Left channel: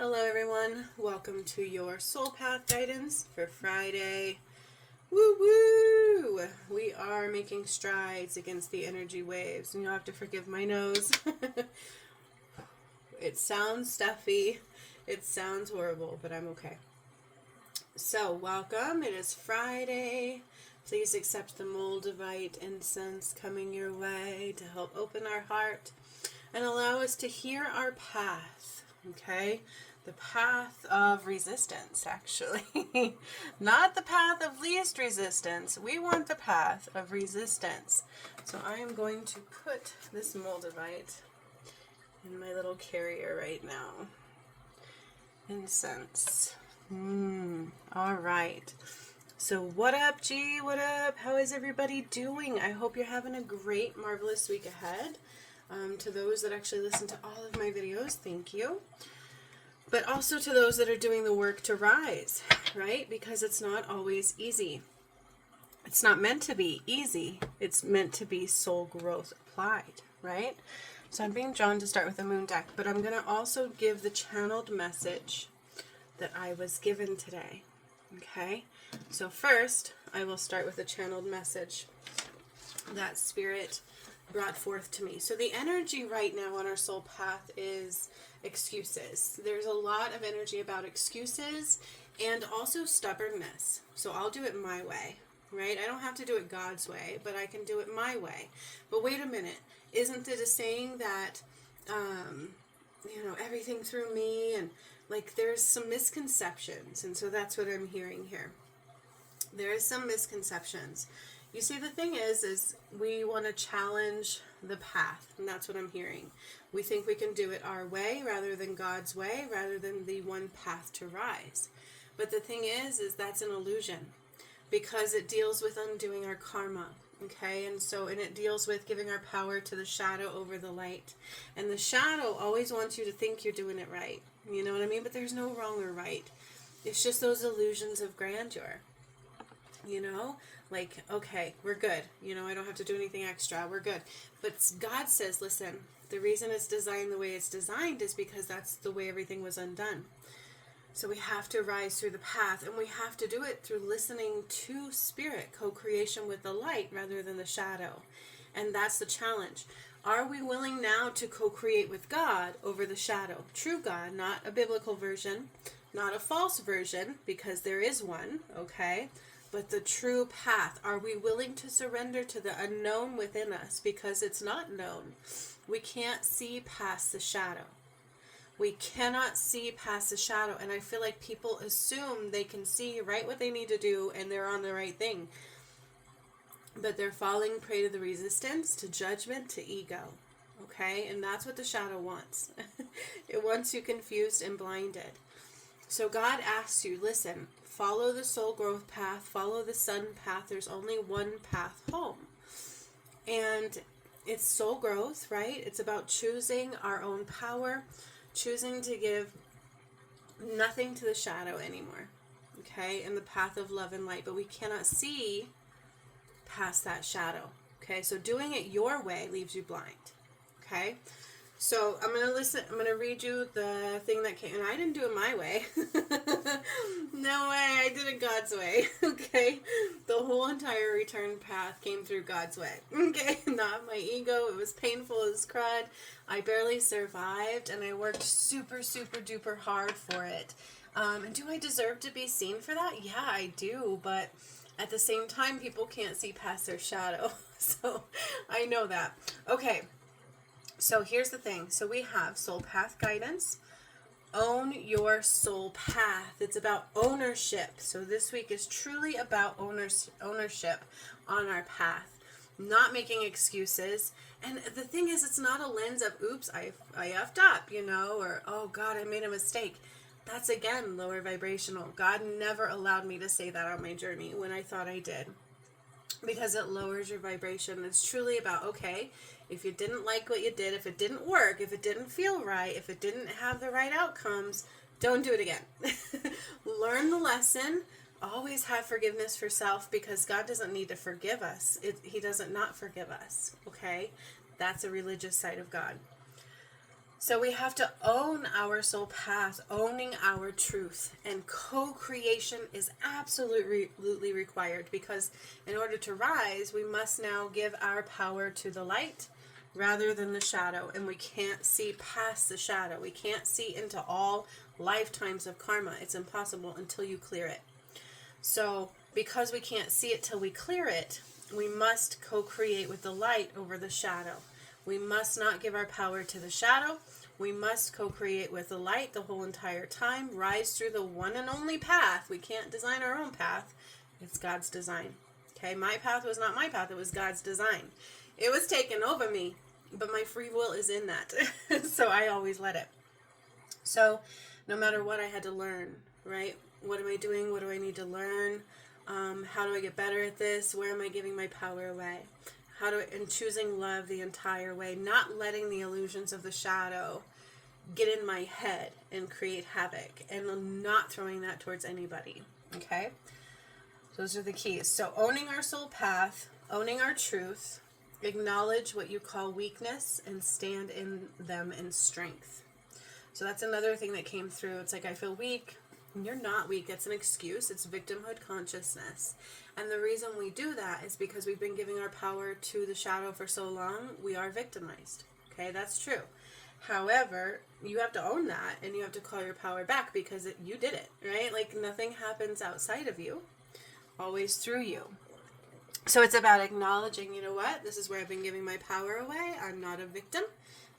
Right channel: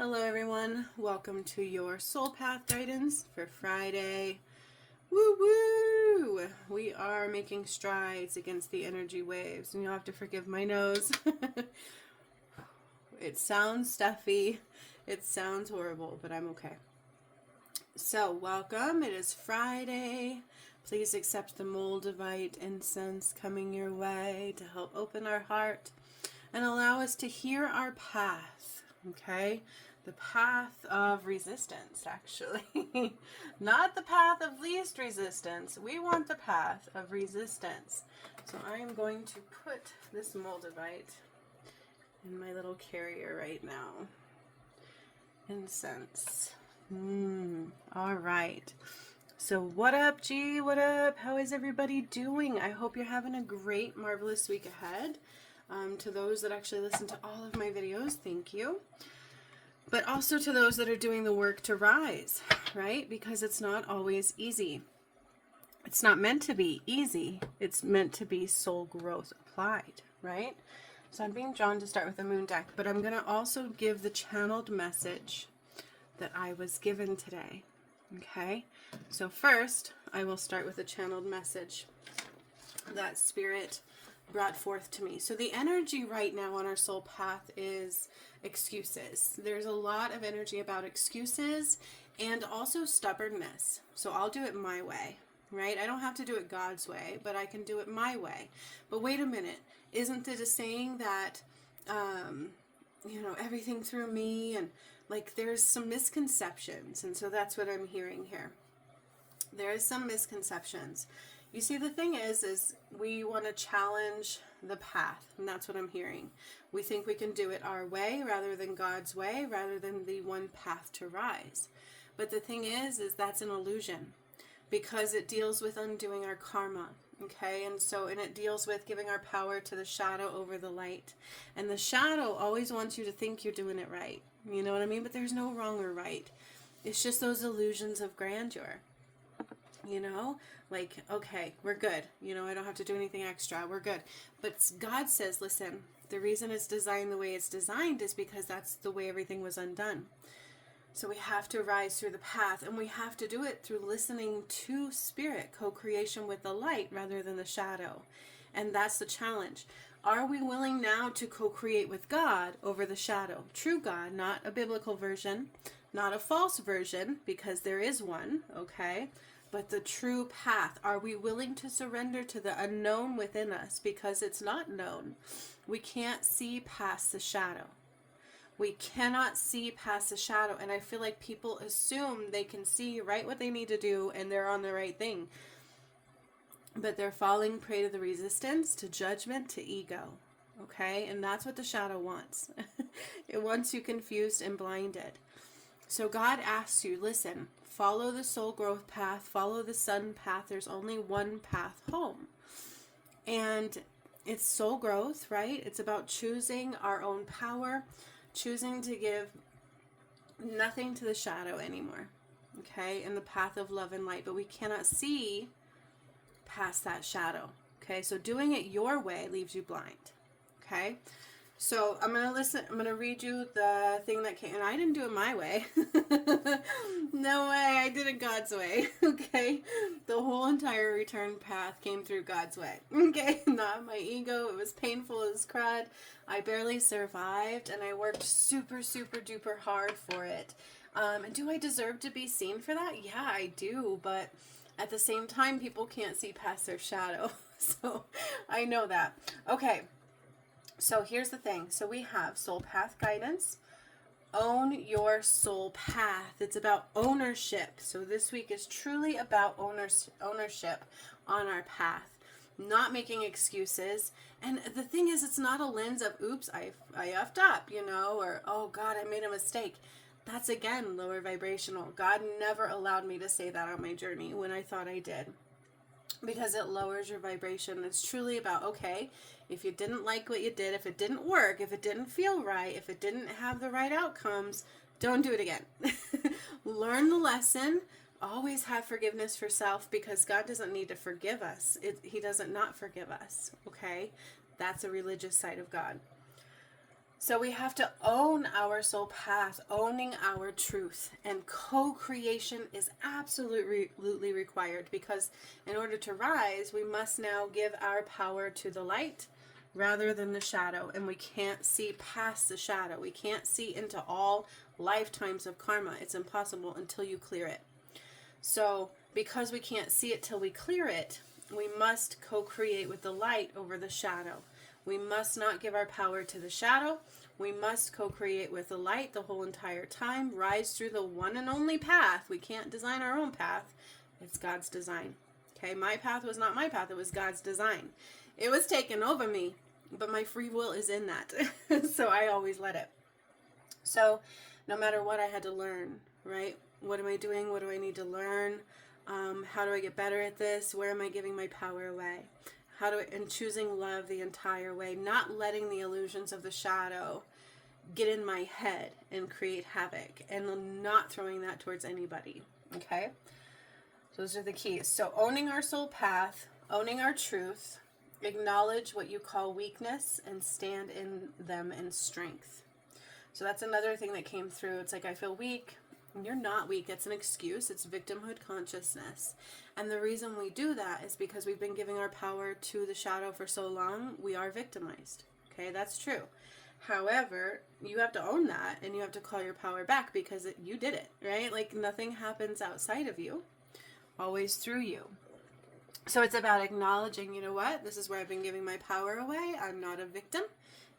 Hello everyone, welcome to your Soul Path Guidance for Friday. Woo woo! We are making strides against the energy waves, and you'll have to forgive my nose. It sounds stuffy, it sounds horrible, but I'm okay. So, welcome, it is Friday. Please accept the Moldavite incense coming your way to help open our heart and allow us to hear our path, okay? The path of resistance, actually. Not the path of least resistance. We want the path of resistance. So I am going to put this Moldavite in my little carrier right now. Incense. All right. So what up, G? What up? How is everybody doing? I hope you're having a great, marvelous week ahead. To those that actually listen to all of my videos, thank you. But also to those that are doing the work to rise, right? Because it's not always easy. It's not meant to be easy. It's meant to be soul growth applied, right? So I'm being drawn to start with the moon deck, but I'm going to also give the channeled message that I was given today, okay? So first, I will start with the channeled message that Spirit brought forth to me. So the energy right now on our soul path is excuses. There's a lot of energy about excuses and also stubbornness. So I'll do it my way, right? I don't have to do it God's way, but I can do it my way. But wait a minute, isn't it a saying that, everything through me, and like there's some misconceptions, and so that's what I'm hearing here. There is some misconceptions. You see, the thing is we want to challenge the path, and that's what I'm hearing. We think we can do it our way rather than God's way, rather than the one path to rise. But the thing is that's an illusion, because it deals with undoing our karma, okay? And it deals with giving our power to the shadow over the light. And the shadow always wants you to think you're doing it right. You know what I mean? But there's no wrong or right. It's just those illusions of grandeur. Like, okay, we're good. I don't have to do anything extra. We're good. But God says, listen, the reason it's designed the way it's designed is because that's the way everything was undone. So we have to rise through the path, and we have to do it through listening to Spirit, co-creation with the light rather than the shadow. And that's the challenge. Are we willing now to co-create with God over the shadow? True God, not a biblical version, not a false version, because there is one, okay? But the true path. Are we willing to surrender to the unknown within us? Because it's not known. We can't see past the shadow. We cannot see past the shadow. And I feel like people assume they can see right what they need to do and they're on the right thing. But they're falling prey to the resistance, to judgment, to ego. Okay? And that's what the shadow wants. It wants you confused and blinded. So God asks you, listen, follow the soul growth path, follow the sun path. There's only one path home. And it's soul growth, right? It's about choosing our own power, choosing to give nothing to the shadow anymore, okay? In the path of love and light. But we cannot see past that shadow, okay? So doing it your way leaves you blind, okay? So I'm going to read you the thing that came, and I didn't do it my way. No way, I did it God's way, okay? The whole entire return path came through God's way, okay? Not my ego. It was painful as crud. I barely survived, and I worked super, super duper hard for it. And do I deserve to be seen for that? Yeah, I do, but at the same time, people can't see past their shadow, so I know that. Okay. So here's the thing. So we have Soul Path Guidance. Own your soul path. It's about ownership. So this week is truly about ownership on our path. Not making excuses. And the thing is, it's not a lens of, oops, I effed up, or, oh God, I made a mistake. That's, again, lower vibrational. God never allowed me to say that on my journey when I thought I did. Because it lowers your vibration. It's truly about, okay, if you didn't like what you did, if it didn't work, if it didn't feel right, if it didn't have the right outcomes, don't do it again. Learn the lesson. Always have forgiveness for self, because God doesn't need to forgive us. He doesn't not forgive us, okay? That's a religious side of God. So we have to own our soul path, owning our truth, and co-creation is absolutely required, because in order to rise, we must now give our power to the light rather than the shadow, and we can't see past the shadow. We can't see into all lifetimes of karma. It's impossible until you clear it. So because we can't see it till we clear it, we must co-create with the light over the shadow. We must not give our power to the shadow. We must co-create with the light the whole entire time. Rise through the one and only path. We can't design our own path. It's God's design. Okay, my path was not my path. It was God's design. It was taken over me, but my free will is in that. So I always let it. So no matter what, I had to learn, right? What am I doing? What do I need to learn? How do I get better at this? Where am I giving my power away? And choosing love the entire way, not letting the illusions of the shadow get in my head and create havoc, and not throwing that towards anybody. Okay? Those are the keys. So owning our soul path, owning our truth, acknowledge what you call weakness, and stand in them in strength. So that's another thing that came through. It's like, I feel weak. You're not weak. It's an excuse. It's victimhood consciousness. And the reason we do that is because we've been giving our power to the shadow for so long, we are victimized. Okay, that's true. However, you have to own that, and you have to call your power back, because you did it, right? Like, nothing happens outside of you, always through you. So it's about acknowledging, you know what, this is where I've been giving my power away. I'm not a victim.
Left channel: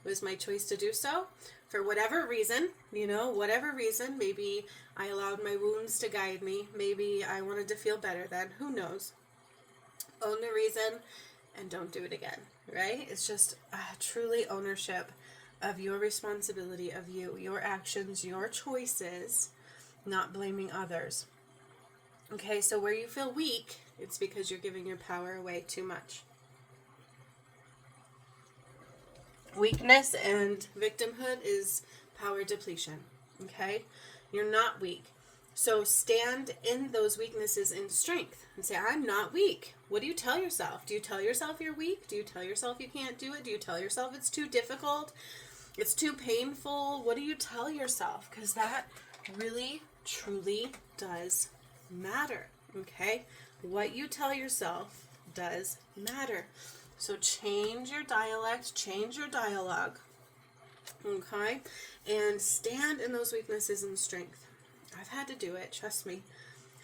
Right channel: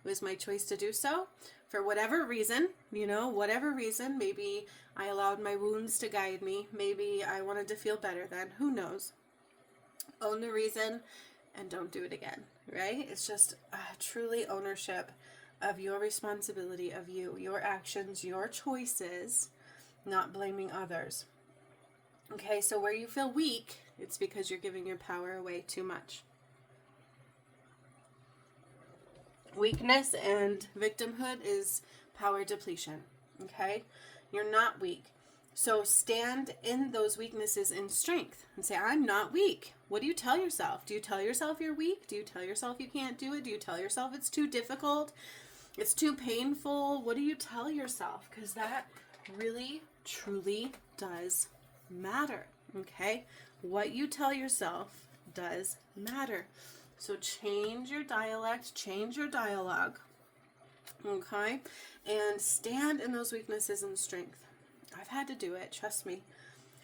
It was my choice to do so. For whatever reason, whatever reason, maybe I allowed my wounds to guide me. Maybe I wanted to feel better then. Who knows? Own the reason and don't do it again, right? It's just truly ownership of your responsibility, of you, your actions, your choices, not blaming others. Okay, so where you feel weak, it's because you're giving your power away too much. Weakness and victimhood is power depletion, okay? You're not weak. So stand in those weaknesses in strength and say, I'm not weak. What do you tell yourself? Do you tell yourself you're weak? Do you tell yourself you can't do it? Do you tell yourself it's too difficult? It's too painful? What do you tell yourself? Because that really, truly does matter, okay? What you tell yourself does matter. So change your dialect, change your dialogue, okay? And stand in those weaknesses and strength. I've had to do it, trust me.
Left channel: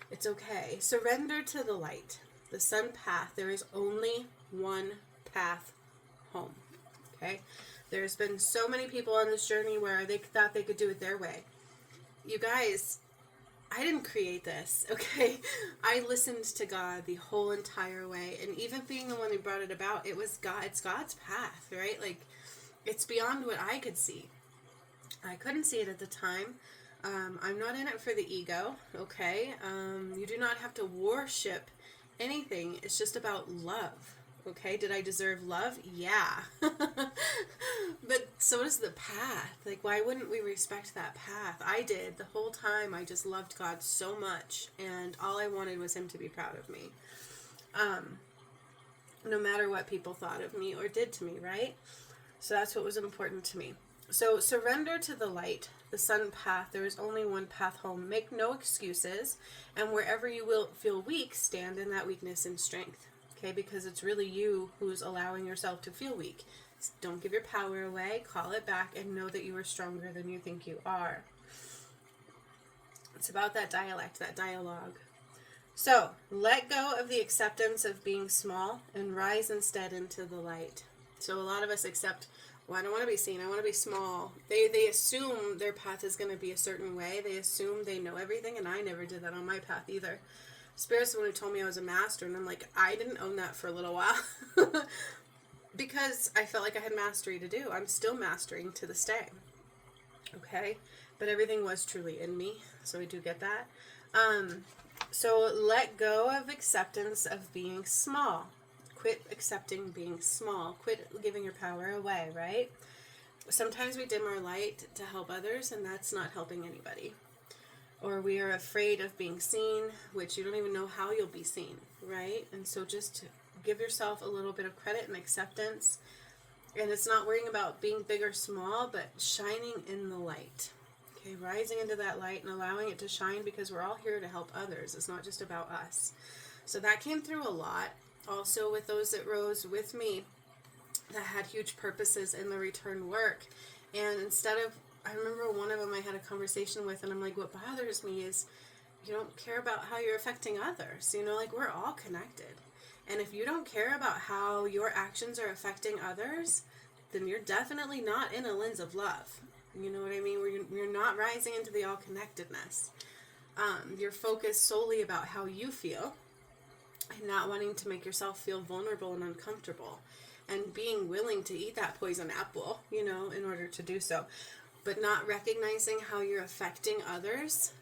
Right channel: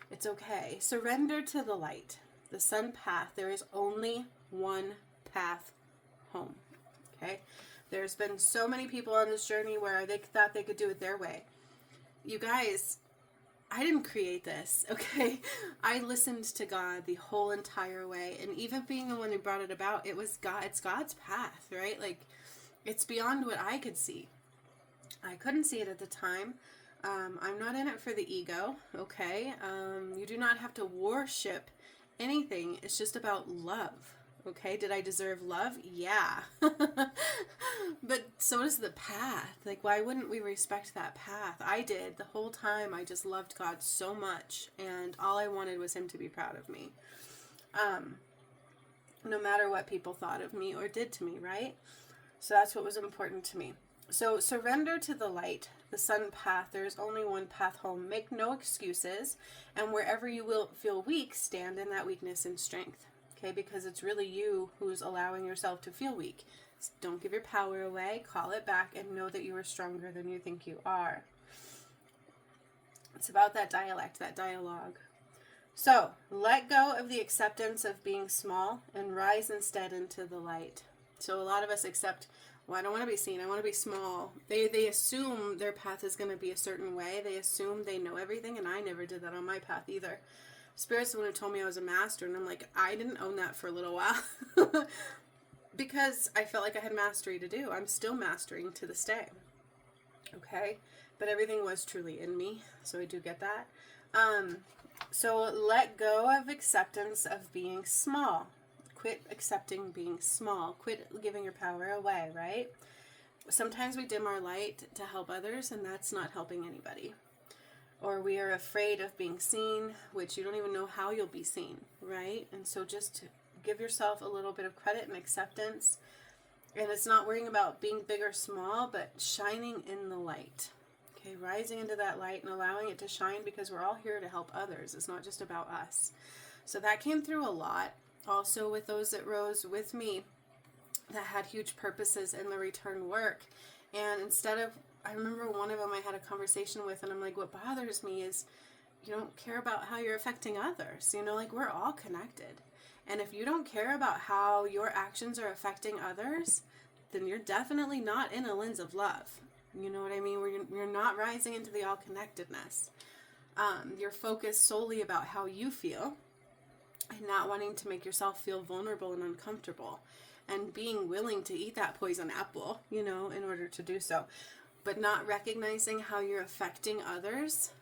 It's okay. Surrender to the light, the sun path. There is only one path home, okay? There's been so many people on this journey where they thought they could do it their way. You guys, I didn't create this, okay? I listened to God the whole entire way, and even being the one who brought it about, it's God's path, right? Like, it's beyond what I could see. I couldn't see it at the time. I'm not in it for the ego, okay? You do not have to worship anything. It's just about love, okay? Did I deserve love? Yeah. But so does the path. Like, why wouldn't we respect that path? I did. The whole time, I just loved God so much, and all I wanted was Him to be proud of me. No matter what people thought of me or did to me, right? So that's what was important to me. So surrender to the light, the sun path. There is only one path home. Make no excuses, and wherever you will feel weak, stand in that weakness and strength, okay? Because it's really you who's allowing yourself to feel weak. Don't give your power away. Call it back and know that you are stronger than you think you are. It's about that dialect, that dialogue. So let go of the acceptance of being small and rise instead into the light. So a lot of us accept, well, I don't want to be seen. I want to be small. They assume their path is going to be a certain way. They assume they know everything, and I never did that on my path either. Spirit's the one who told me I was a master, and I'm like, I didn't own that for a little while. Because I felt like I had mastery to do. I'm still mastering to this day. Okay? But everything was truly in me, so I do get that. So let go of acceptance of being small. Quit accepting being small. Quit giving your power away, right? Sometimes we dim our light to help others, and that's not helping anybody. Or we are afraid of being seen, which you don't even know how you'll be seen, right? And so just give yourself a little bit of credit and acceptance. And it's not worrying about being big or small, but shining in the light. Okay, rising into that light and allowing it to shine, because we're all here to help others. It's not just about us. So that came through a lot. Also with those that rose with me that had huge purposes in the return work. And instead of, I remember one of them I had a conversation with, and I'm like, what bothers me is you don't care about how you're affecting others. You know, like, we're all connected. And if you don't care about how your actions are affecting others, then you're definitely not in a lens of love. You know what I mean? You're not rising into the all-connectedness. You're focused solely about how you feel and not wanting to make yourself feel vulnerable and uncomfortable, and being willing to eat that poison apple, you know, in order to do so. But not recognizing how you're affecting others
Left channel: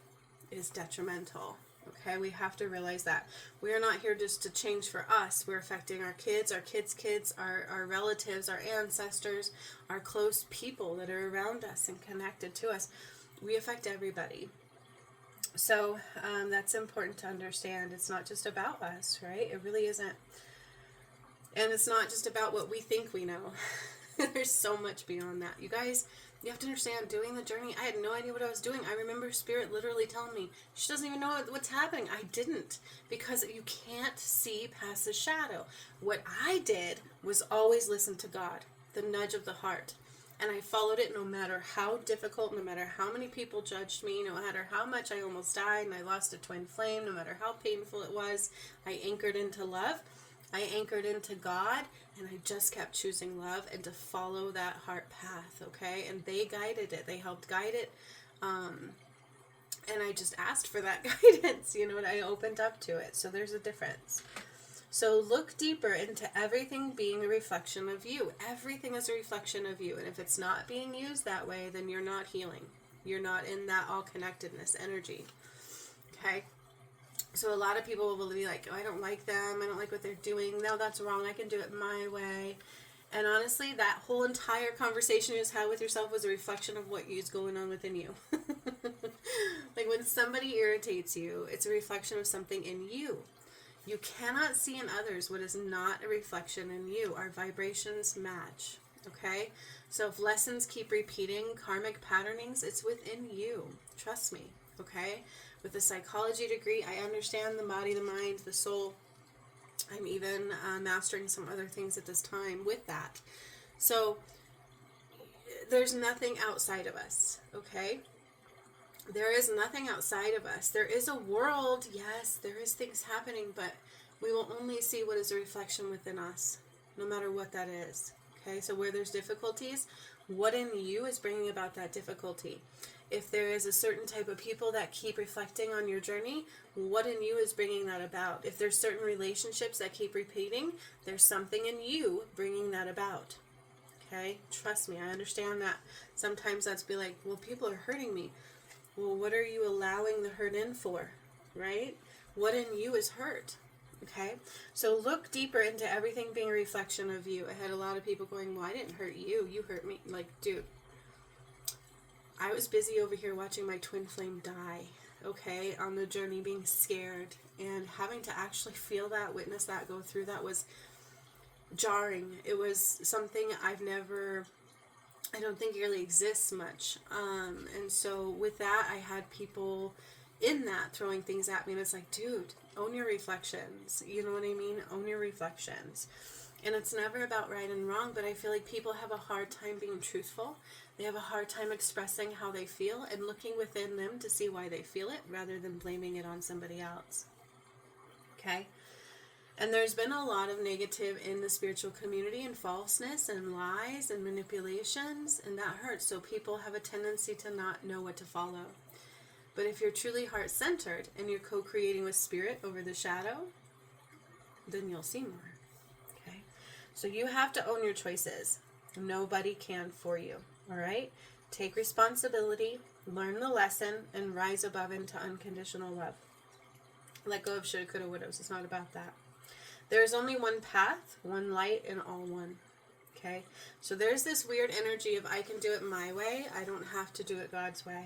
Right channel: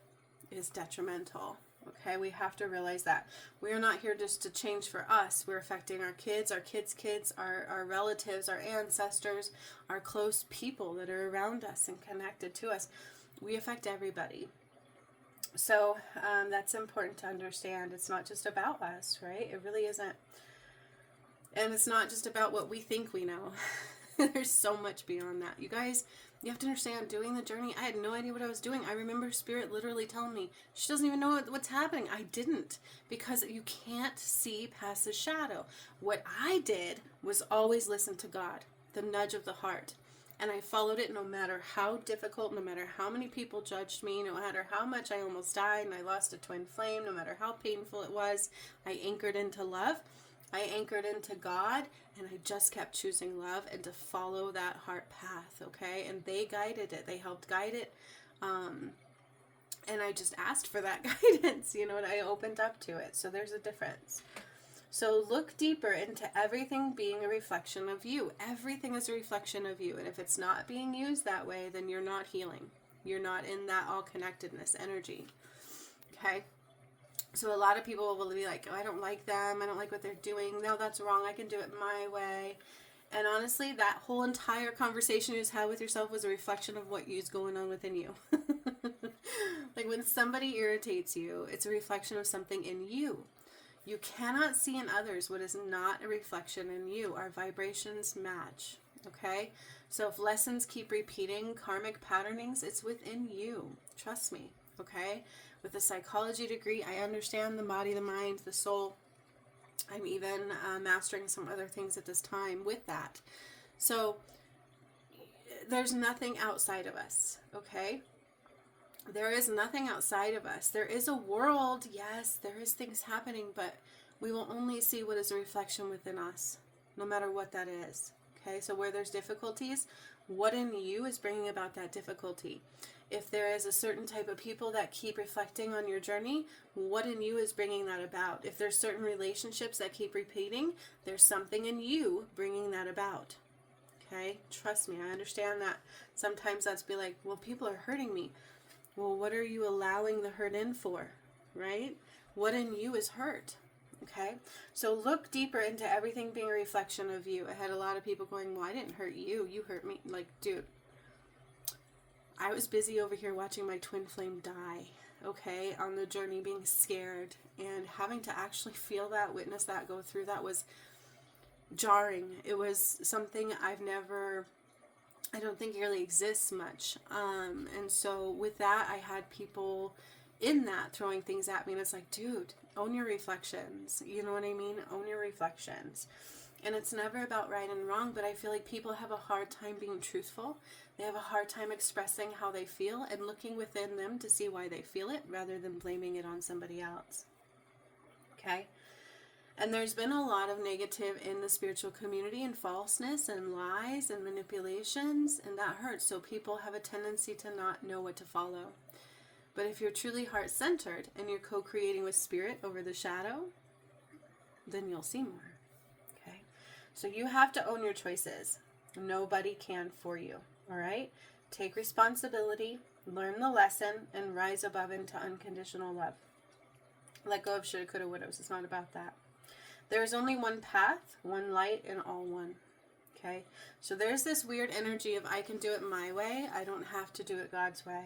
is detrimental. Okay, we have to realize that we are not here just to change for us. We're affecting our kids, our relatives, our ancestors, our close people that are around us and connected to us. We affect everybody. So that's important to understand. It's not just about us, right? It really isn't. And it's not just about what we think we know. There's so much beyond that. You guys, you have to understand, doing the journey, I had no idea what I was doing. I remember Spirit literally telling me, she doesn't even know what's happening. I didn't, because you can't see past the shadow. What I did was always listen to God, the nudge of the heart. And I followed it no matter how difficult, no matter how many people judged me, no matter how much I almost died and I lost a twin flame, no matter how painful it was. I anchored into love. I anchored into God, and I just kept choosing love and to follow that heart path, okay? And they guided it. They helped guide it. And I just asked for that guidance, you know, and I opened up to it. So there's a difference. So look deeper into everything being a reflection of you. Everything is a reflection of you. And if it's not being used that way, then you're not healing. You're not in that all-connectedness energy, okay? So a lot of people will be like, oh, I don't like them. I don't like what they're doing. No, that's wrong. I can do it my way. And honestly, that whole entire conversation you just had with yourself was a reflection of what is going on within you. Like, when somebody irritates you, it's a reflection of something in you. You cannot see in others what is not a reflection in you. Our vibrations match, okay? So if lessons keep repeating, karmic patternings, it's within you. Trust me, okay? With a psychology degree, I understand the body, the mind, the soul. I'm even mastering some other things at this time with that. So there's nothing outside of us, okay? There is nothing outside of us. There is a world, yes, there is things happening, but we will only see what is a reflection within us, no matter what that is, okay? So where there's difficulties, what in you is bringing about that difficulty? If there is a certain type of people that keep reflecting on your journey, what in you is bringing that about? If there's certain relationships that keep repeating, there's something in you bringing that about. Okay? Trust me, I understand that. Sometimes that's be like, well, people are hurting me. Well, what are you allowing the hurt in for? Right? What in you is hurt? Okay? So look deeper into everything being a reflection of you. I had a lot of people going, well, I didn't hurt you. You hurt me. Like, dude, I was busy over here watching my twin flame die, okay, on the journey, being scared, and having to actually feel that, witness that, go through that was jarring. It was something I don't think it really exists much. And so with that, I had people in that throwing things at me, and it's like, dude, own your reflections. You know what I mean? Own your reflections. And it's never about right and wrong, but I feel like people have a hard time being truthful. They have a hard time expressing how they feel and looking within them to see why they feel it rather than blaming it on somebody else. Okay? And there's been a lot of negative in the spiritual community, and falseness and lies and manipulations, and that hurts. So people have a tendency to not know what to follow. But if you're truly heart-centered and you're co-creating with spirit over the shadow, then you'll see more. Okay? So you have to own your choices. Nobody can for you. All right? Take responsibility, learn the lesson, and rise above into unconditional love. Let go of shoulda, coulda, wouldas. It's not about that. There is only one path, one light, and all one. Okay? So there's this weird energy of I can do it my way. I don't have to do it God's way.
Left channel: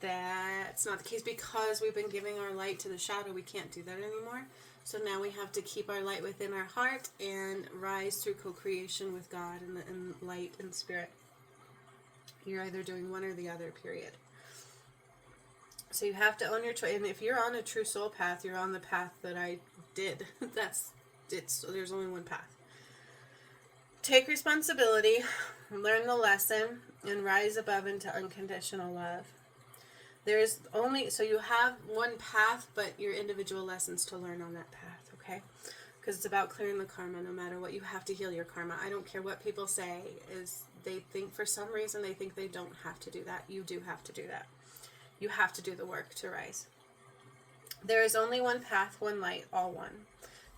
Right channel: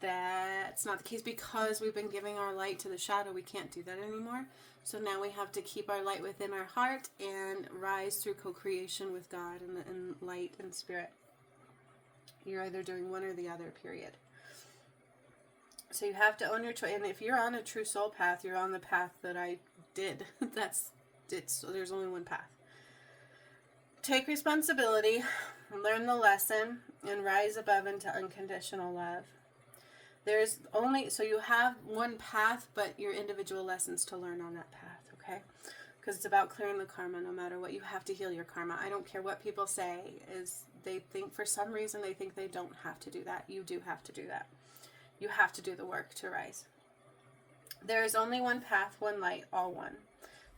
That's not the case because we've been giving our light to the shadow. We can't do that anymore. So now we have to keep our light within our heart and rise through co-creation with God and light and spirit. You're either doing one or the other, period. So you have to own your choice. And if you're on a true soul path, you're on the path that I did. There's only one path. Take responsibility, learn the lesson, and rise above into unconditional love. So you have one path, but your individual lessons to learn on that path, okay? Because it's about clearing the karma no matter what. You have to heal your karma. I don't care what people say. They think for some reason they think they don't have to do that. You do have to do that. You have to do the work to rise. There is only one path, one light, all one.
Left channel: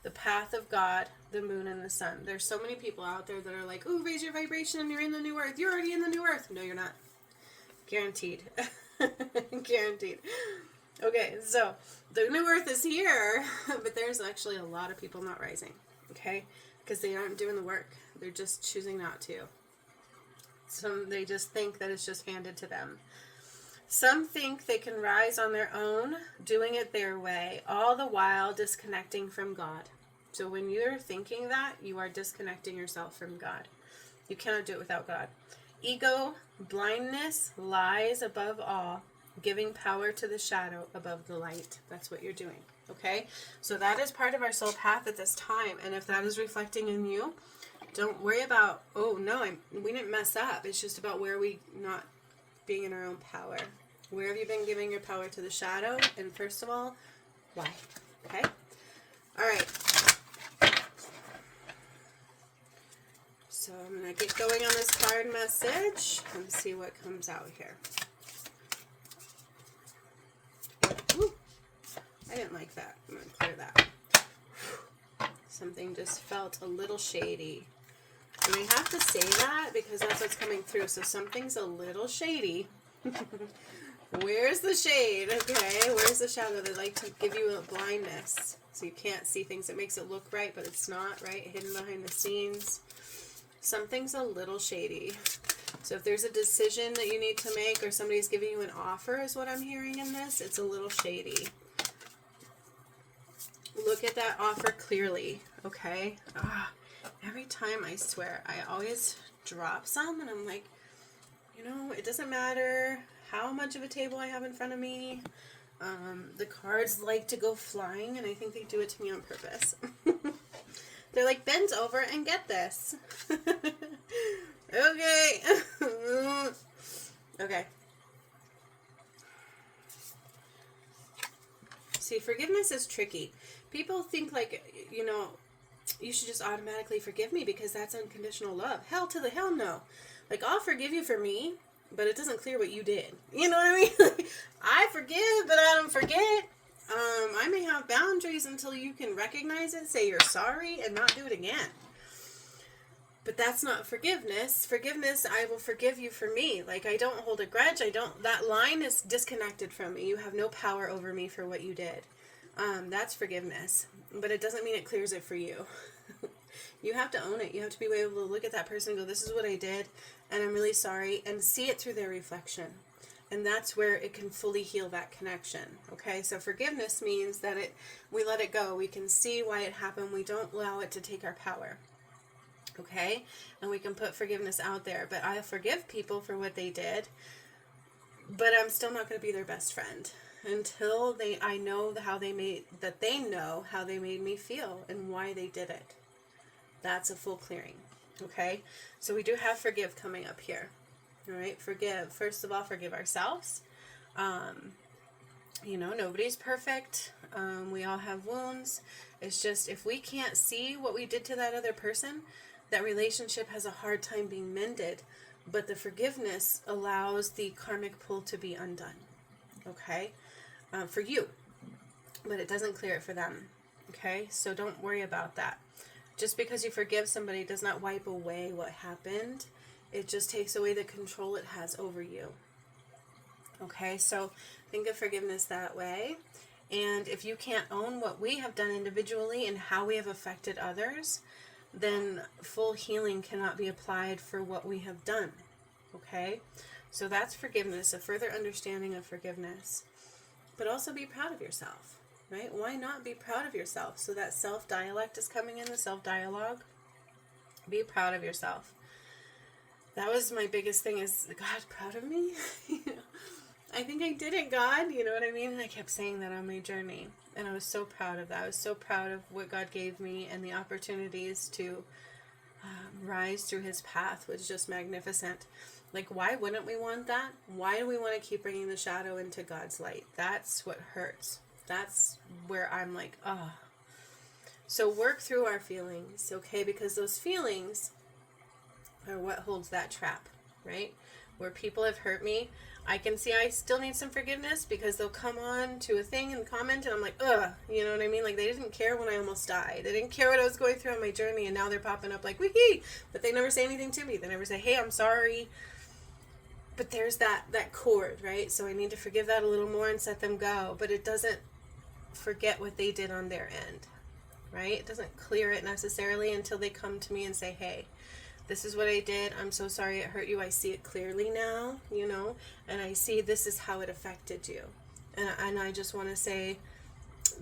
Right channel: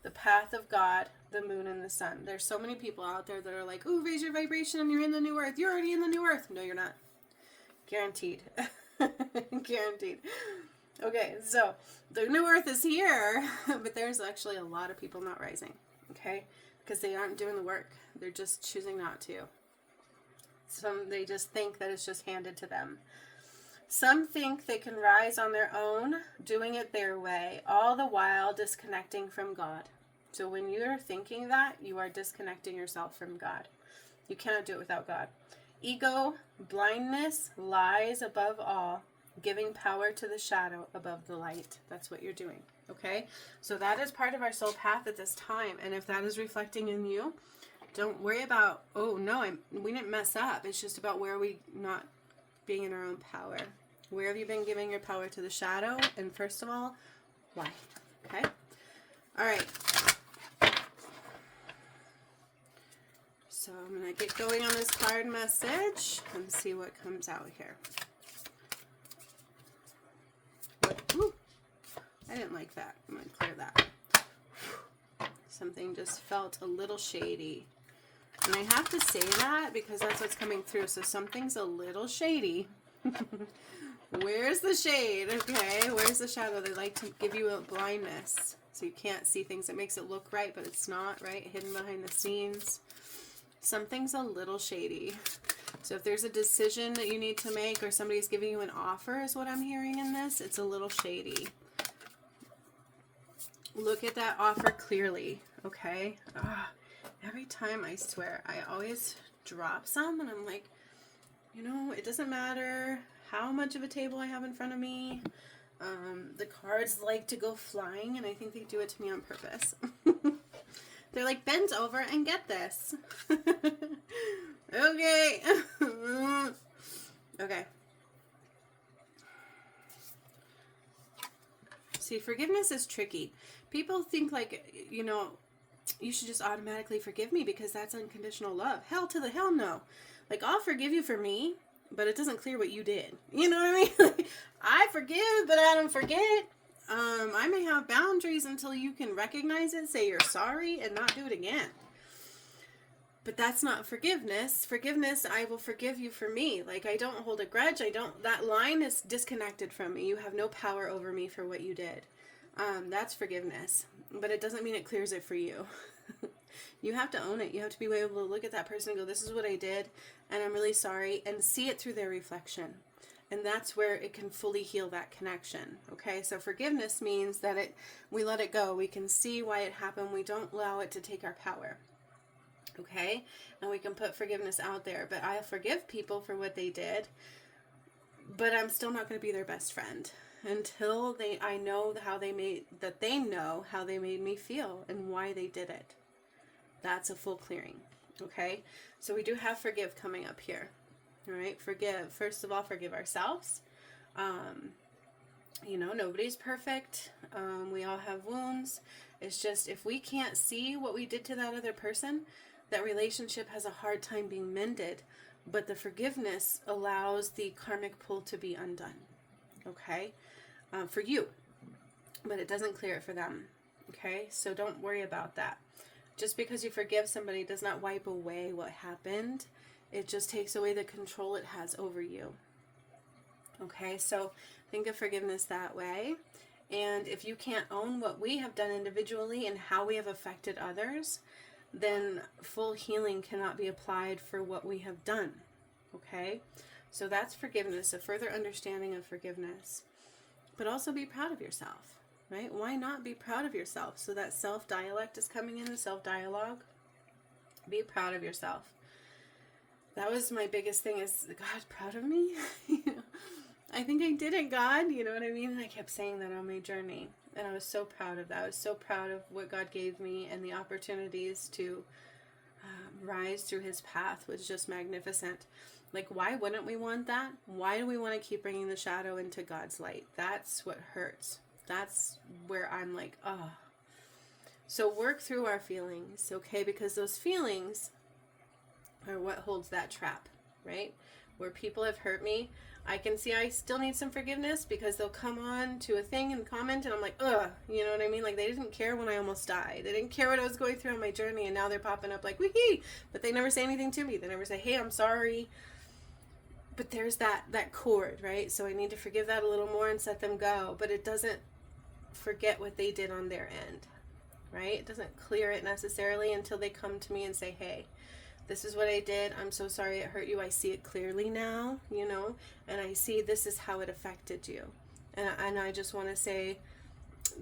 The path of God, the moon, and the sun. There's so many people out there that are like, ooh, raise your vibration, you're in the new earth. You're already in the new earth. No, you're not. Guaranteed. Guaranteed. Okay, so the new earth is here, but there's actually a lot of people not rising, okay? Because they aren't doing the work. They're just choosing not to. They just think that it's just handed to them. Some think they can rise on their own, doing it their way, all the while disconnecting from God. So when you're thinking that, you are disconnecting yourself from God. You cannot do it without God. Ego, blindness, lies above all, giving power to the shadow above the light. That's what you're doing, okay? So that is part of our soul path at this time. And if that is reflecting in you, don't worry about, oh, no, we didn't mess up. It's just about where we not being in our own power. Where have you been giving your power to the shadow? And first of all, why? Okay? All right. So I'm going to get going on this card message and see what comes out here. Woo. I didn't like that. I'm going to clear that. Something just felt a little shady. And I have to say that because that's what's coming through. So something's a little shady. Where's the shade? Okay, where's the shadow? They like to give you a blindness. So you can't see things. It makes it look right, but it's not, right? Hidden behind the scenes. Something's a little shady. So if there's a decision that you need to make or somebody's giving you an offer is what I'm hearing in this, it's a little shady. Look at that offer clearly, okay? Every time, I swear, I always drop some and I'm like, you know, it doesn't matter how much of a table I have in front of me. The cards like to go flying, and I think they do it to me on purpose. They're like, bend over and get this. Okay. Okay. See, forgiveness is tricky. People think like, you know, you should just automatically forgive me because that's unconditional love. Hell to the hell no. Like, I'll forgive you for me, but it doesn't clear what you did. You know what I mean? I forgive, but I don't forget. I may have boundaries until you can recognize it, say you're sorry, and not do it again. But that's not forgiveness. Forgiveness, I will forgive you for me. Like, I don't hold a grudge. That line is disconnected from me. You have no power over me for what you did. That's forgiveness. But it doesn't mean it clears it for you. You have to own it. You have to be able to look at that person and go, this is what I did, and I'm really sorry, and see it through their reflection. And that's where it can fully heal that connection. Okay, so forgiveness means that we let it go. We can see why it happened. We don't allow it to take our power. Okay, and we can put forgiveness out there. But I forgive people for what they did, but I'm still not going to be their best friend until I know how they made me feel and why they did it. That's a full clearing. Okay, so we do have forgive coming up here. All right, forgive. First of all, forgive ourselves. You know, nobody's perfect. We all have wounds. It's just if we can't see what we did to that other person, that relationship has a hard time being mended. But the forgiveness allows the karmic pull to be undone. Okay, for you. But it doesn't clear it for them. Okay, so don't worry about that. Just because you forgive somebody does not wipe away what happened. It just takes away the control it has over you. Okay, so think of forgiveness that way. And if you can't own what we have done individually and how we have affected others, then full healing cannot be applied for what we have done. Okay, So that's forgiveness, a further understanding of forgiveness. But also be proud of yourself, right? Why not be proud of yourself? So that self-dialect is coming in, the self-dialogue. Be proud of yourself. That was my biggest thing, is God proud of me? I think I did it, God. You know what I mean? And I kept saying that on my journey. And I was so proud of that. I was so proud of what God gave me and the opportunities to rise through his path was just magnificent. Like, why wouldn't we want that? Why do we want to keep bringing the shadow into God's light? That's what hurts. That's where I'm like, oh. So work through our feelings, okay? Because those feelings are what holds that trap, right? Where people have hurt me, I can see I still need some forgiveness, because they'll come on to a thing and comment, and I'm like, ugh, you know what I mean? Like, they didn't care when I almost died. They didn't care what I was going through on my journey, and now they're popping up like, wee, but they never say anything to me. They never say, hey, I'm sorry. But there's that cord, right? So I need to forgive that a little more and set them go. But it doesn't forget what they did on their end, right? It doesn't clear it necessarily until they come to me and say, hey, this is what I did. I'm so sorry it hurt you. I see it clearly now, you know, and I see this is how it affected you. And I just want to say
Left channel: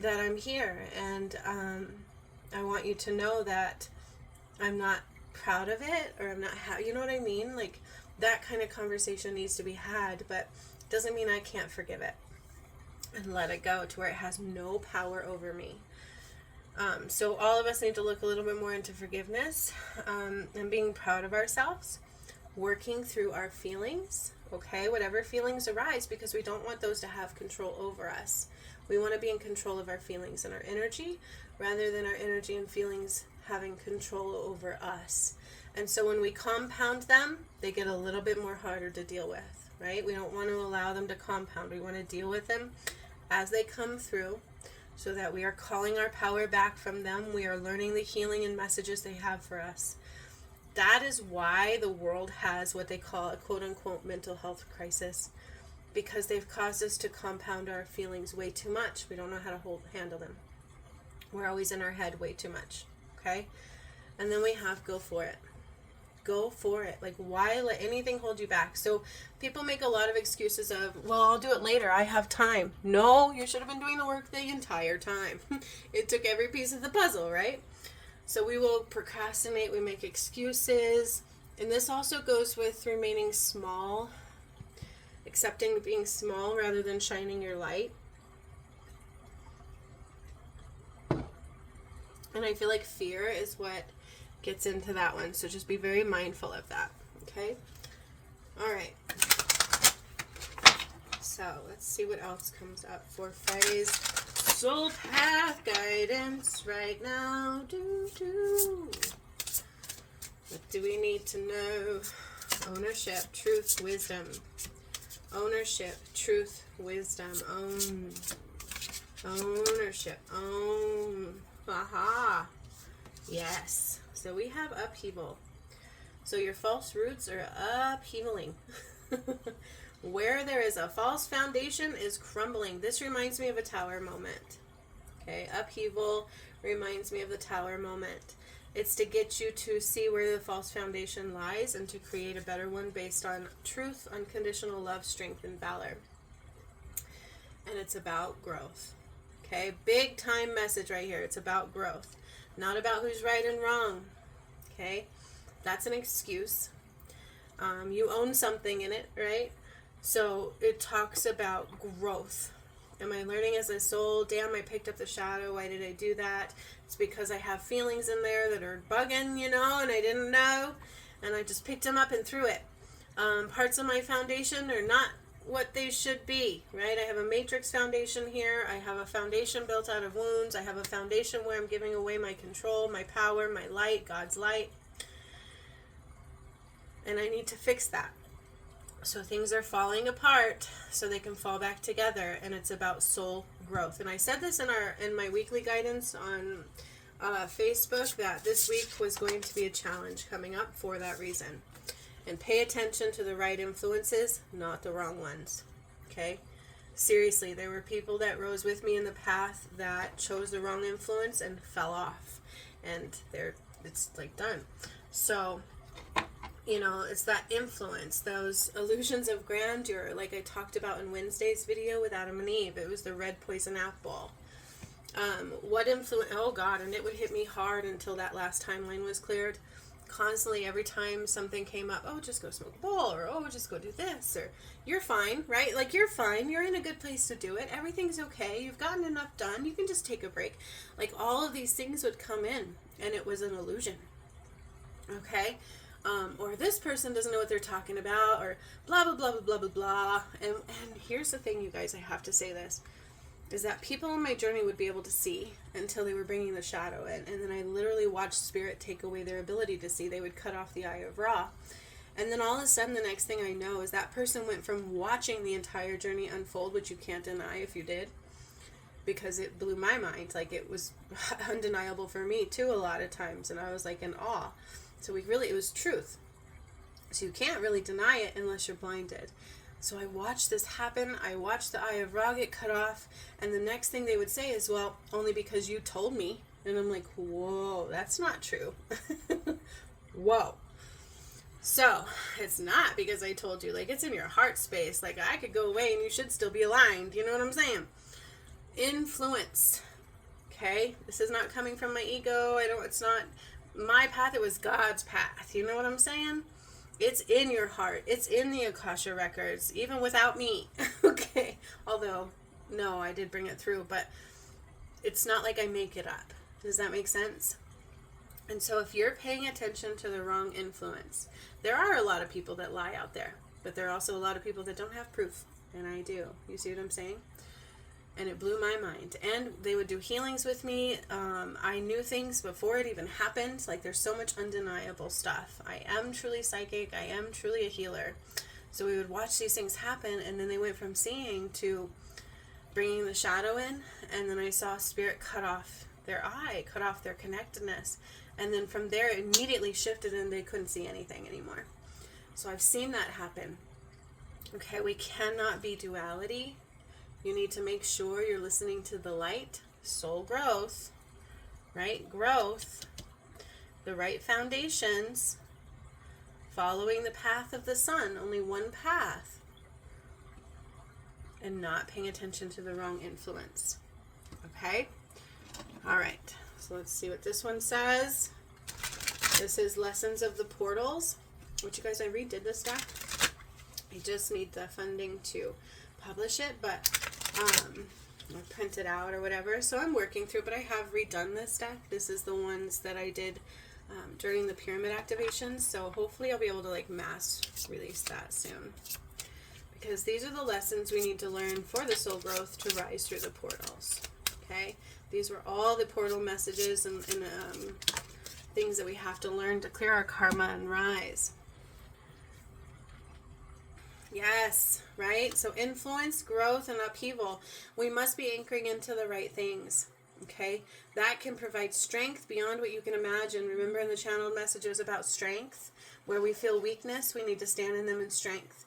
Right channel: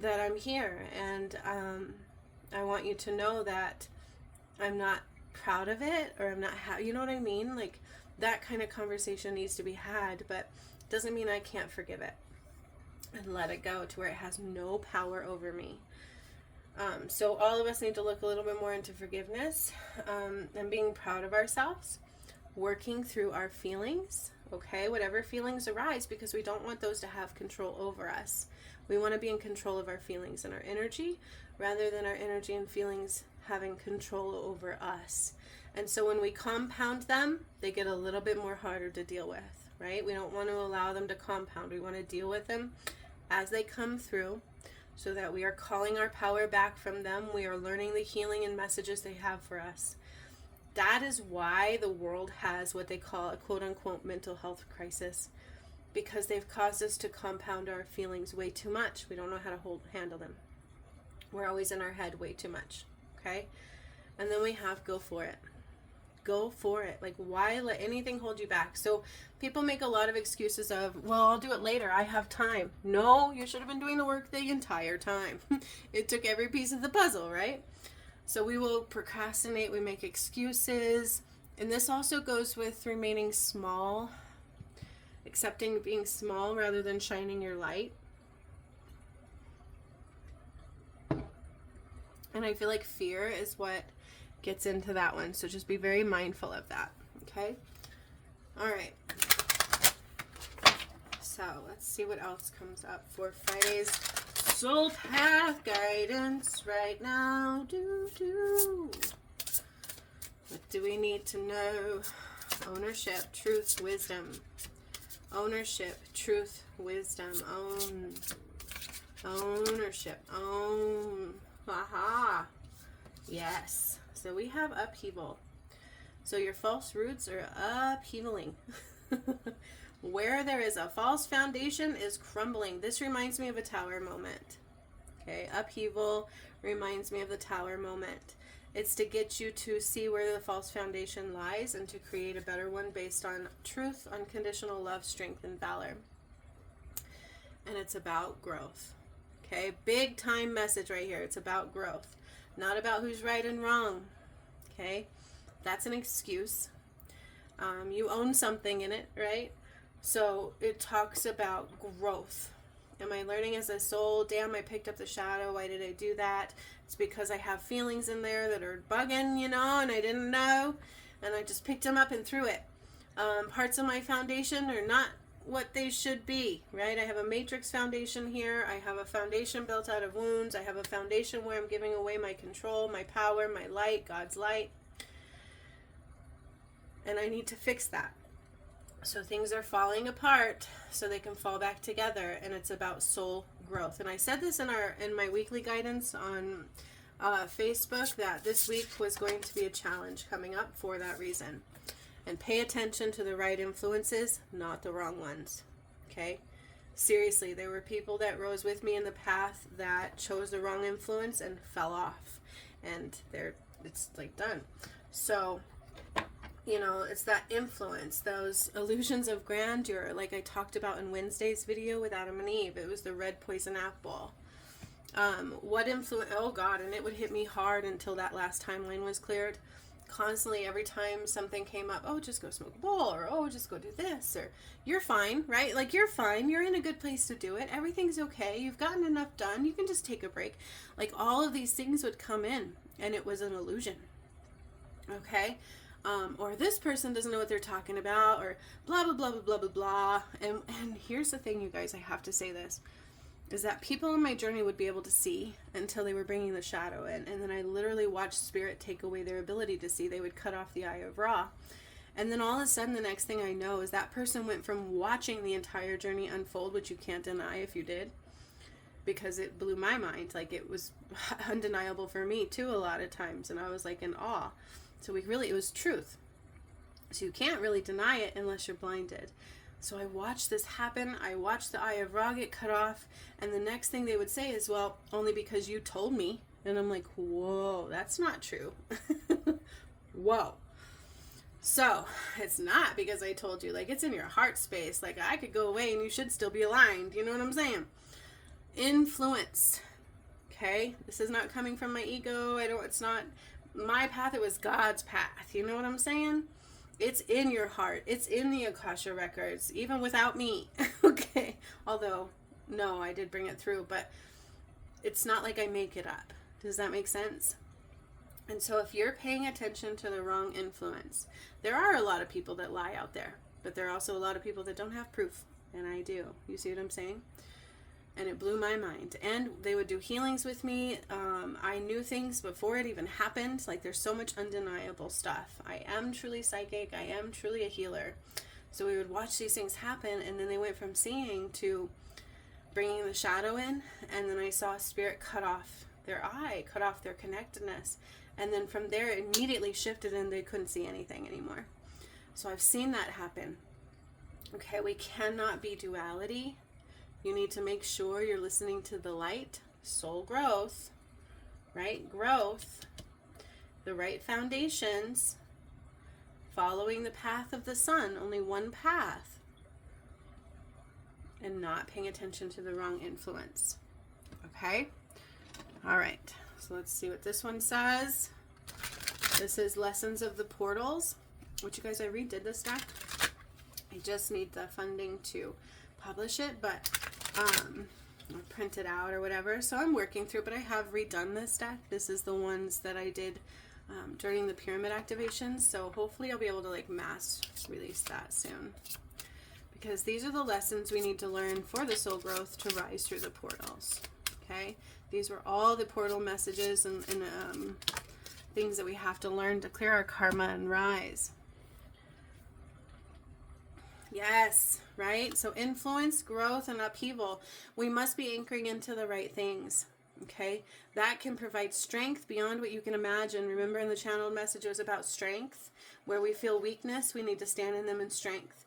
that I'm here, and I want you to know that I'm not proud of it, or I'm not you know what I mean? Like, that kind of conversation needs to be had, but doesn't mean I can't forgive it and let it go to where it has no power over me. So all of us need to look a little bit more into forgiveness, and being proud of ourselves, working through our feelings, okay? Whatever feelings arise, because we don't want those to have control over us. We want to be in control of our feelings and our energy, rather than our energy and feelings having control over us. And so when we compound them, they get a little bit more harder to deal with, right? We don't want to allow them to compound. We want to deal with them as they come through, so that we are calling our power back from them. We are learning the healing and messages they have for us. That is why the world has what they call a quote-unquote mental health crisis, because they've caused us to compound our feelings way too much. We don't know how to handle them. We're always in our head way too much, okay? And then we have go for it. Go for it. Like, why let anything hold you back? So people make a lot of excuses of, well, I'll do it later. I have time. No, you should have been doing the work the entire time. It took every piece of the puzzle, right? So we will procrastinate. We make excuses. And this also goes with remaining small, accepting being small rather than shining your light. And I feel like fear is what gets into that one, so just be very mindful of that, okay? All right, so let's see what else comes up for Friday's Soul Path Guidance right now. What do we need to know? Ownership, truth, wisdom. Ownership, truth, wisdom. Ownership. Aha. Yes. So we have upheaval. So your false roots are upheavaling. Where there is a false foundation is crumbling. This reminds me of a tower moment. Okay, upheaval reminds me of the tower moment. It's to get you to see where the false foundation lies and to create a better one based on truth, unconditional love, strength, and valor. And it's about growth. Okay, big time message right here. It's about growth. Not about who's right and wrong, okay? That's an excuse. You own something in it, right? So it talks about growth. Am I learning as a soul? Damn, I picked up the shadow. Why did I do that? It's because I have feelings in there that are bugging, you know, and I didn't know. And I just picked them up and threw it. Parts of my foundation are not what they should be, right? I have a matrix foundation here. I have a foundation built out of wounds. I have a foundation where I'm giving away my control, my power, my light, God's light. And I need to fix that. So things are falling apart so they can fall back together, and it's about soul growth. And I said this in my weekly guidance on Facebook, that this week was going to be a challenge coming up for that reason. And pay attention to the right influences, not the wrong ones. Okay? Seriously, there were people that rose with me in the path that chose the wrong influence and fell off. And it's like done. So you know, it's that influence, those illusions of grandeur, like I talked about in Wednesday's video with Adam and Eve. It was the red poison apple. What influence? Oh God, and it would hit me hard until that last timeline was cleared. Constantly, every time something came up, oh, just go smoke a bowl, or oh, just go do this, or you're fine, right? Like, you're fine, you're in a good place to do it, everything's okay, you've gotten enough done, you can just take a break. Like, all of these things would come in, and it was an illusion, okay? Or this person doesn't know what they're talking about, or blah, blah, blah, blah, blah, blah, blah. And here's the thing, you guys, I have to say this, is that people on my journey would be able to see until they were bringing the shadow in. And then I literally watched Spirit take away their ability to see. They would cut off the eye of Ra. And then all of a sudden, the next thing I know is that person went from watching the entire journey unfold, which you can't deny if you did, because it blew my mind. Like, it was undeniable for me too a lot of times. And I was like in awe. So it was truth. So you can't really deny it unless you're blinded. So I watched this happen. I watched the eye of Ra get cut off. And the next thing they would say is, well, only because you told me. And I'm like, whoa, that's not true. Whoa. So it's not because I told you. Like, it's in your heart space. Like, I could go away and you should still be aligned. You know what I'm saying? Influence. Okay? This is not coming from my ego. It's not my path. It was God's path. You know what I'm saying? It's in your heart. It's in the Akasha records, even without me. Okay. Although, no, I did bring it through, but it's not like I make it up. Does that make sense? And so if you're paying attention to the wrong influence, there are a lot of people that lie out there, but there are also a lot of people that don't have proof. And I do. You see what I'm saying? And it blew my mind. And they would do healings with me. I knew things before it even happened. Like, there's so much undeniable stuff. I am truly psychic. I am truly a healer. So we would watch these things happen, and then they went from seeing to bringing the shadow in, and then I saw Spirit cut off their eye, cut off their connectedness. And then from there, it immediately shifted, and they couldn't see anything anymore. So I've seen that happen. Okay, we cannot be duality. You need to make sure you're listening to the light, soul growth, right? Growth, the right foundations, following the path of the sun, only one path, and not paying attention to the wrong influence. Okay? All right. So let's see what this one says. This is Lessons of the Portals, which, you guys, I redid this deck. I just need the funding to publish it, but print it out or whatever. So I'm working through it, but I have redone this deck. This is the ones that I did during the pyramid activations. So hopefully I'll be able to like mass release that soon, because these are the lessons we need to learn for the soul growth to rise through the portals. Okay, these were all the portal messages and things that we have to learn to clear our karma and rise. Yes, right? So influence, growth, and upheaval. We must be anchoring into the right things, okay? That can provide strength beyond what you can imagine. Remember in the channeled messages about strength, where we feel weakness, we need to stand in them in strength.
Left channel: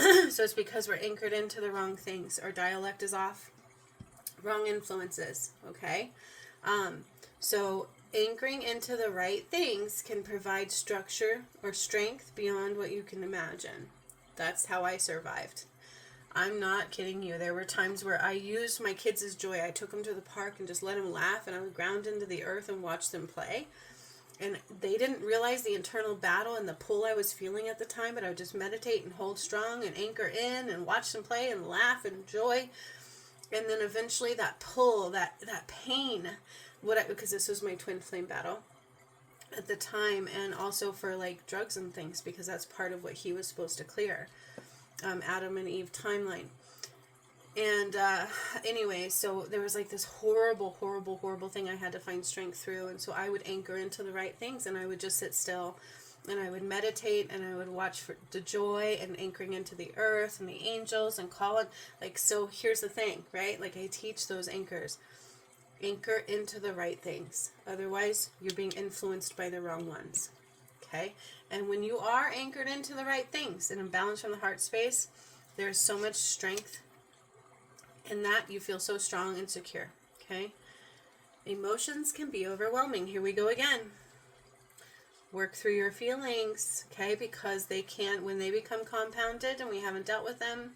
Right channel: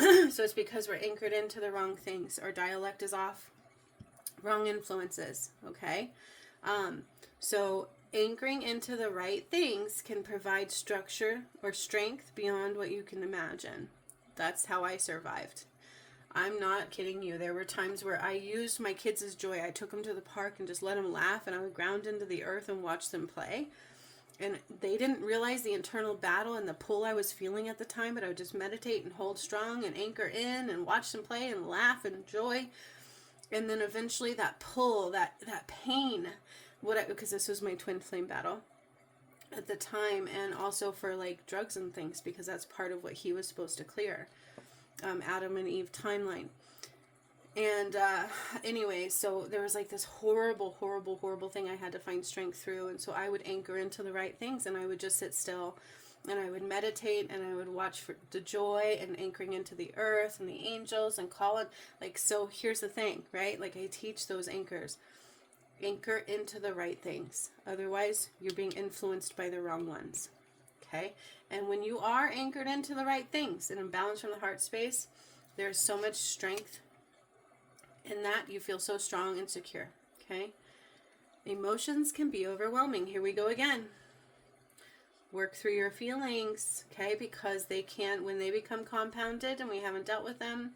So it's because we're anchored into the wrong things. Our dialect is off. Wrong influences, okay? So anchoring into the right things can provide structure or strength beyond what you can imagine. That's how I survived. I'm not kidding you. There were times where I used my kids as joy. I took them to the park and just let them laugh, and I would ground into the earth and watch them play. And they didn't realize the internal battle and the pull I was feeling at the time, but I would just meditate and hold strong and anchor in and watch them play and laugh and joy. And then eventually that pull, that pain, because this was my twin flame battle at the time, and also for like drugs and things, because that's part of what he was supposed to clear. Adam and Eve timeline. And anyway, so there was like this horrible thing I had to find strength through. And so I would anchor into the right things, and I would just sit still, and I would meditate, and I would watch for the joy and anchoring into the earth and the angels and call it. Like, so here's the thing, right? Like, I teach those anchors. Anchor into the right things. Otherwise, you're being influenced by the wrong ones. Okay? And when you are anchored into the right things and in balance from the heart space, there is so much strength in that. You feel so strong and secure. Okay? Emotions can be overwhelming. Here we go again. Work through your feelings, okay? Because they can, when they become compounded and we haven't dealt with them,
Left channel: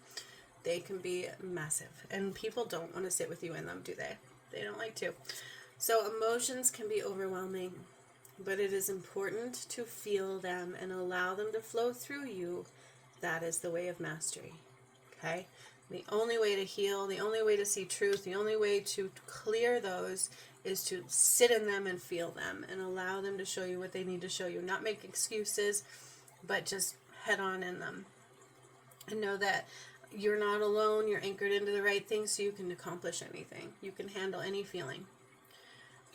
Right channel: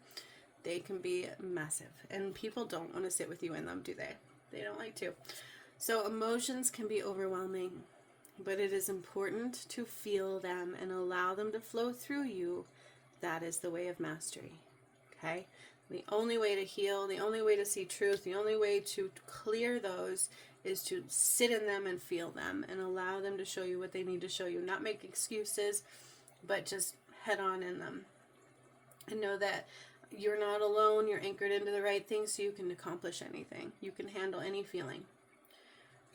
they can be massive. And people don't want to sit with you in them, do they? They don't like to. So emotions can be overwhelming, but it is important to feel them and allow them to flow through you. That is the way of mastery, okay? The only way to heal, the only way to see truth, the only way to clear those is to sit in them and feel them and allow them to show you what they need to show you. Not make excuses, but just head on in them. And know that you're not alone. You're anchored into the right things, so you can accomplish anything. You can handle any feeling.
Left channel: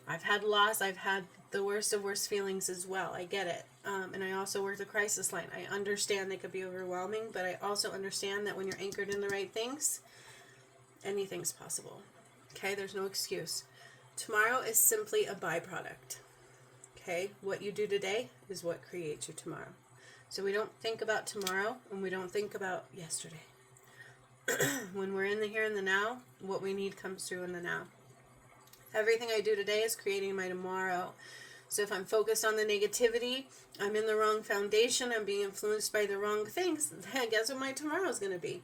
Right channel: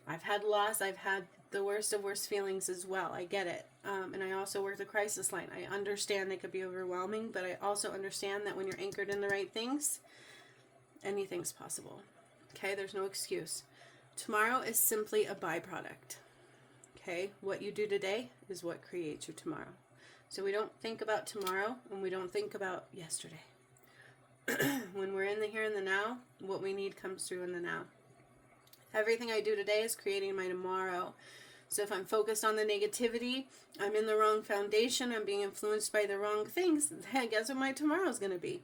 I've had loss. I've had the worst of worst feelings as well. I get it. And I also work the crisis line. I understand they could be overwhelming, but I also understand that when you're anchored in the right things, anything's possible. Okay? There's no excuse. Tomorrow is simply a byproduct. Okay? What you do today is what creates you tomorrow. So we don't think about tomorrow and we don't think about yesterday. When we're in the here and the now, what we need comes through in the now. Everything I do today is creating my tomorrow. So if I'm focused on the negativity, I'm in the wrong foundation, I'm being influenced by the wrong things, then guess what my tomorrow is going to be?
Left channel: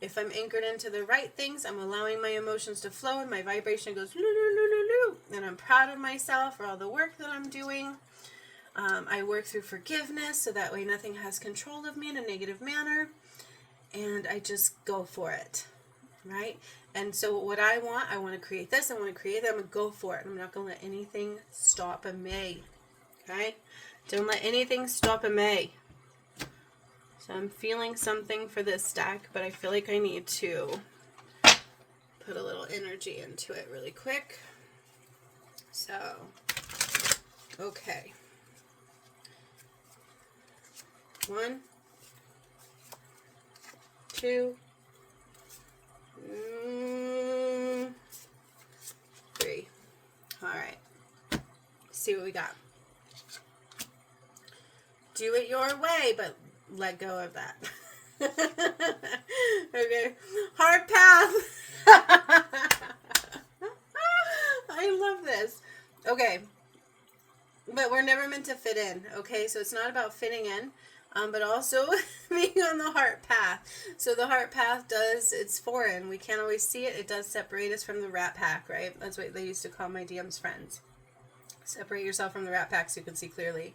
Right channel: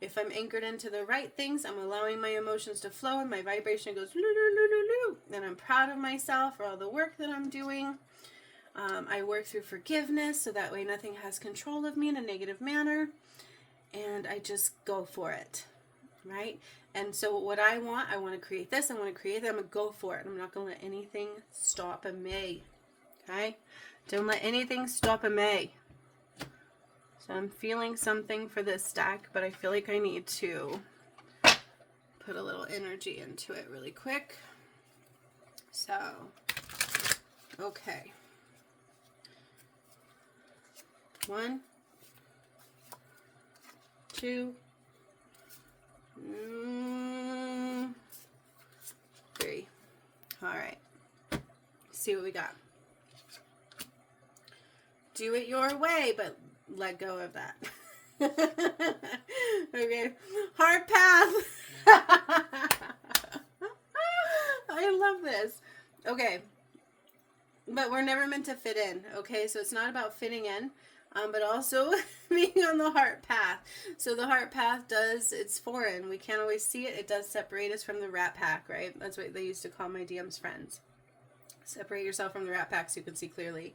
If I'm anchored into the right things, I'm allowing my emotions to flow and my vibration goes and I'm proud of myself for all the work that I'm doing. I work through forgiveness so that way nothing has control of me in a negative manner. And I just go for it, right? And so what I want to create this, I want to create that, I'm going to go for it. I'm not going to let anything stop me, okay? Don't let anything stop me. So I'm feeling something for this stack, but I feel like I need to put a little energy into it really quick. So, okay. 1, 2, 3. All right. See what we got. Do it your way, but let go of that. Okay. Heart path. I love this. Okay. But we're never meant to fit in. Okay. So it's not about fitting in, but also being on the heart path. So the heart path it's foreign. We can't always see it. It does separate us from the rat pack, right? That's what they used to call my DM's friends. Separate yourself from the rat pack so you can see clearly.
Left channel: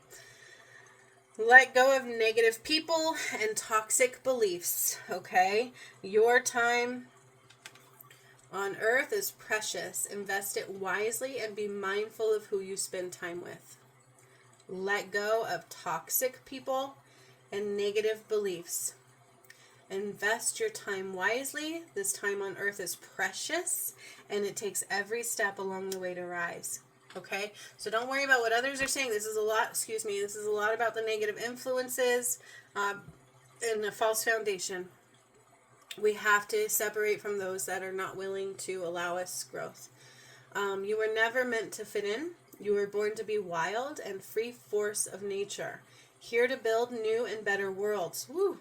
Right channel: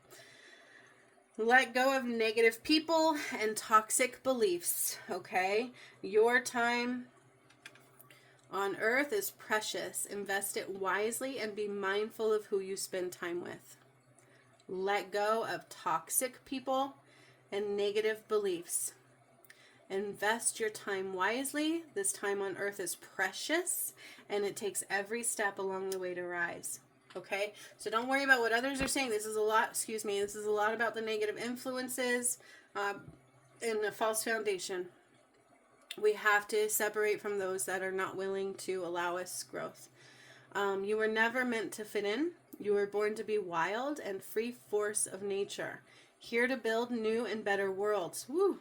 Let go of negative people and toxic beliefs, okay? Your time on earth is precious. Invest it wisely and be mindful of who you spend time with. Let go of toxic people and negative beliefs. Invest your time wisely. This time on earth is precious, and it takes every step along the way to rise. Okay? So don't worry about what others are saying. This is a lot about the negative influences and the false foundation. We have to separate from those that are not willing to allow us growth. You were never meant to fit in. You were born to be wild and free force of nature. Here to build new and better worlds. Woo!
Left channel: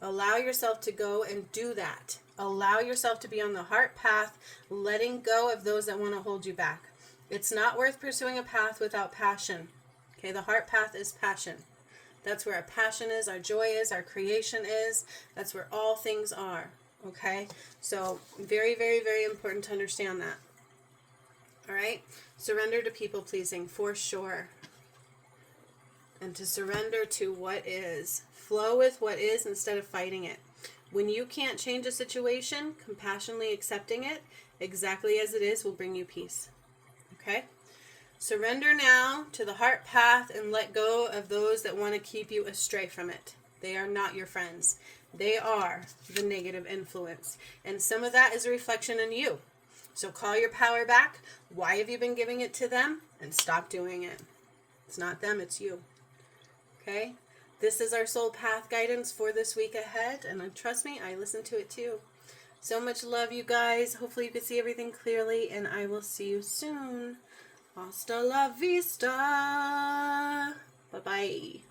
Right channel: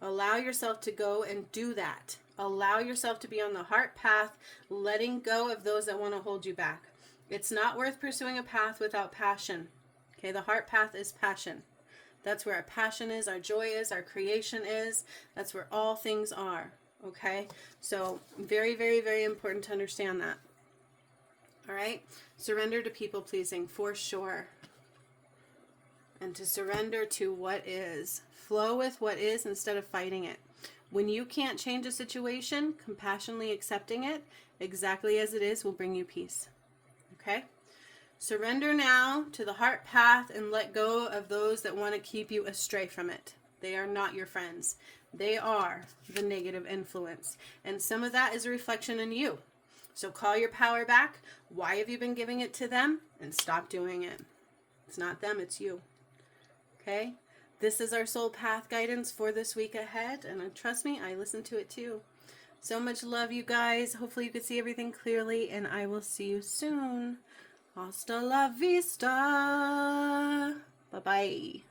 Allow yourself to go and do that. Allow yourself to be on the heart path, letting go of those that want to hold you back. It's not worth pursuing a path without passion. Okay, the heart path is passion. That's where our passion is, our joy is, our creation is. That's where all things are. Okay, so very, very, very important to understand that. All right, surrender to people pleasing for sure. And to surrender to what is. Flow with what is instead of fighting it. When you can't change a situation, compassionately accepting it exactly as it is will bring you peace. Okay? Surrender now to the heart path and let go of those that want to keep you astray from it. They are not your friends. They are the negative influence. And some of that is a reflection in you. So call your power back. Why have you been giving it to them? And stop doing it. It's not them, it's you. Okay? This is our soul path guidance for this week ahead. And trust me, I listen to it too. So much love, you guys. Hopefully you can see everything clearly. And I will see you soon. Hasta la vista. Bye-bye.